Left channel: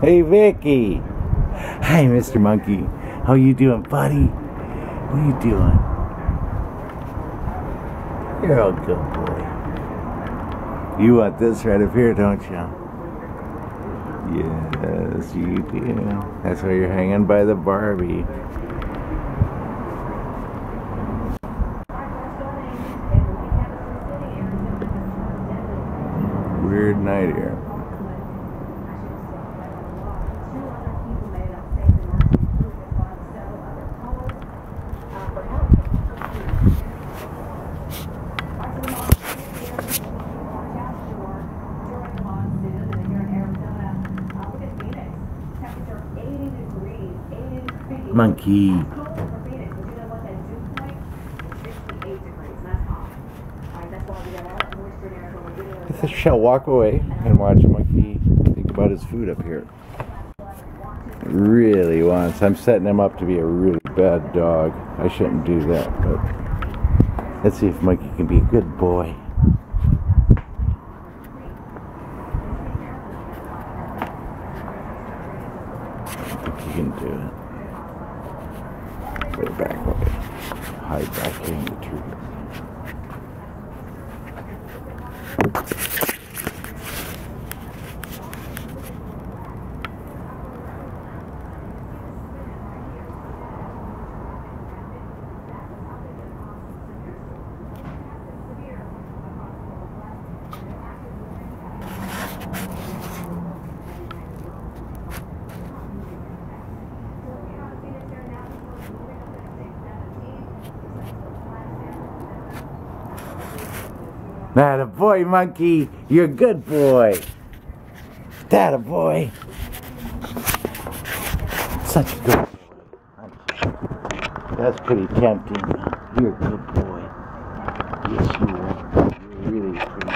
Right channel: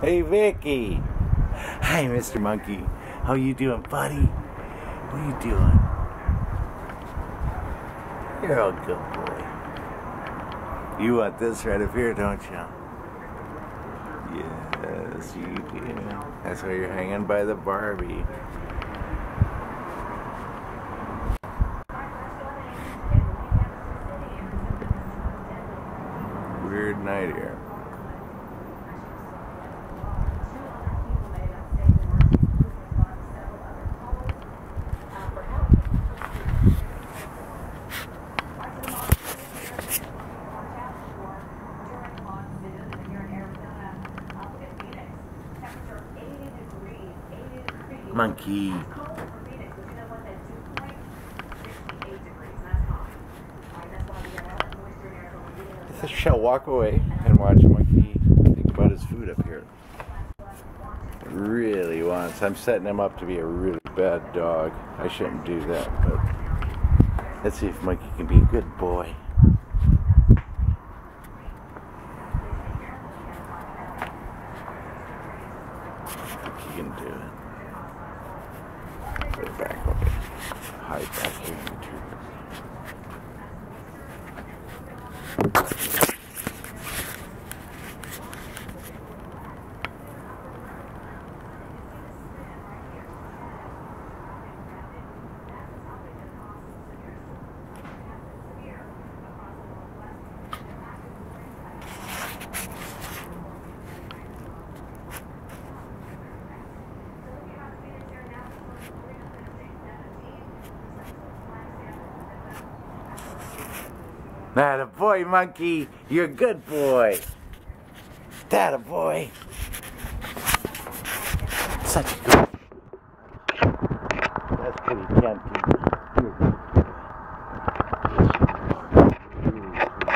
Hey, Vicky. Hi, Mr. Monkey. How you doing, buddy? What are you doing? You're a good boy. You want this right up here, don't you? Yes, you do. That's why you're hanging by the Barbie. Weird night here. Monkey. I shall walk away and watch a monkey think about his food up here. Really wants. I'm setting him up to be a really bad dog. I shouldn't do that, but let's see if Monkey can be a good boy. I think he can do it. Better back away. Hide back here in the trees. That a boy, Monkey. You're a good boy. That a boy. Such a good boy. That's pretty tempting. You're a good boy. Yes, you are. You're really pretty.